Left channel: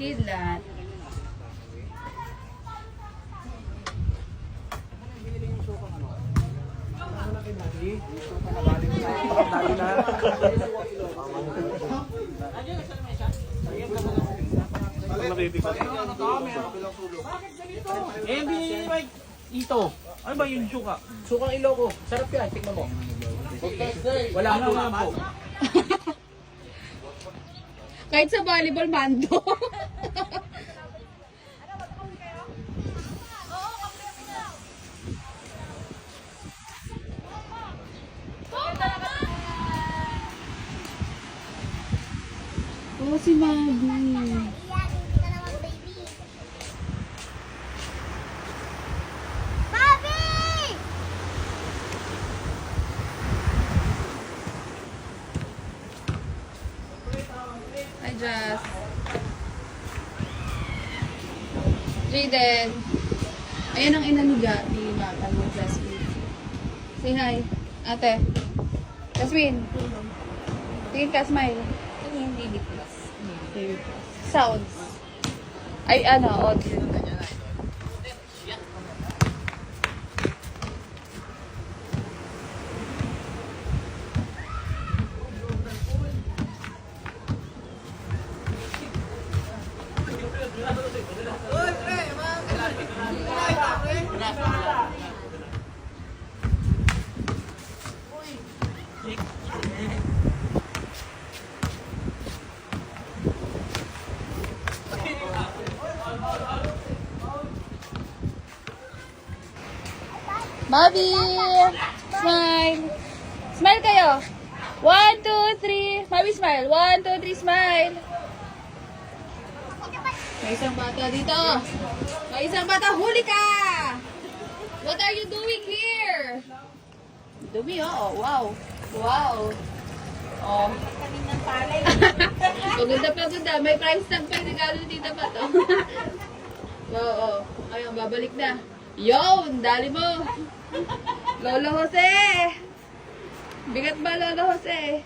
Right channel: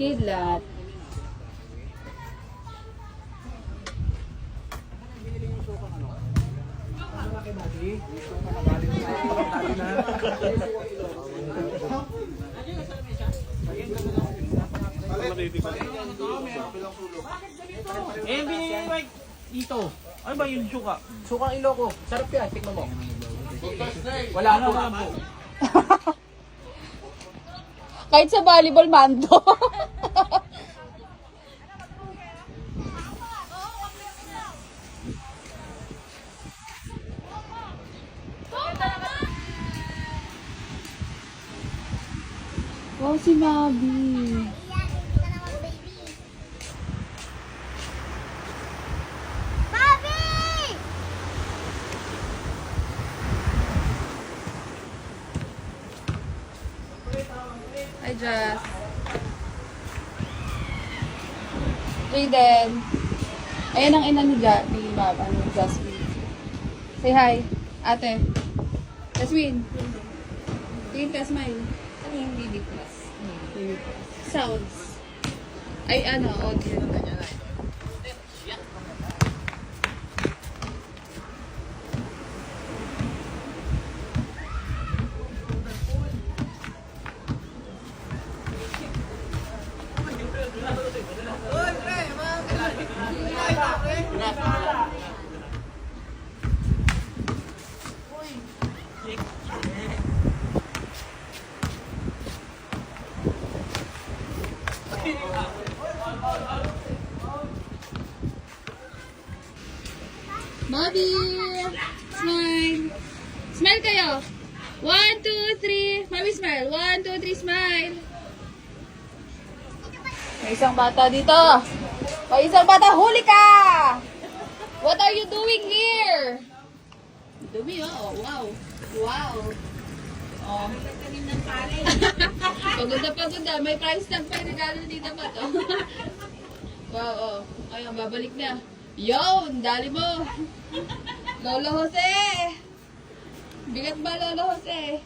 Kidlat. Eh, binili ni Mike ito. Ano ba yung suka? Sukang Iloko. Sarap yan. Tikman mo. Wala po nga po. Kahit sa volleyball, mando. Oh, si Mabi. Hi, Jess. Jaden. Ayan ang ina ni Jasmine. Say hi, ate. Jasmine. Tingin ka, smile. Ano yung baby plus? Sounds. Ay, audio. Bobby! Smile! Smile kayo! 1, 2, 3. Bobby, smile. 1, 2, 3, smile. May isang bata dito. May isang bata. Huli ka! What are you doing here? Dumi, oh. Wow. Wow. Oh. Paganda. May price tag pa yung regalo dito pa to. Oo. Ayun, babalik na. Yon, dali mo. Lolo Jose. Bigat ba, Lolo Jose?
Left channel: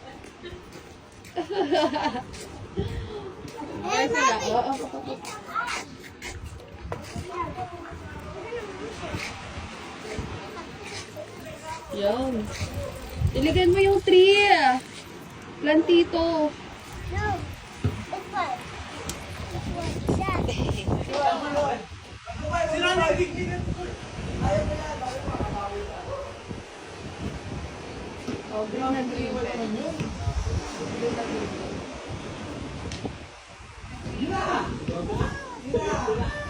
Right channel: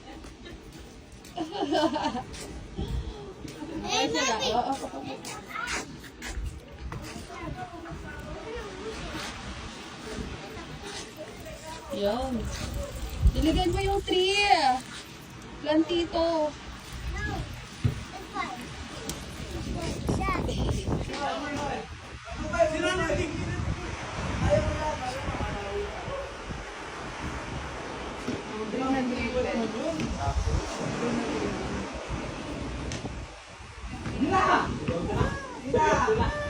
Yan. Iligan mo yung tree. Plantito. No, it's fine. Oh, green na green. Green na green.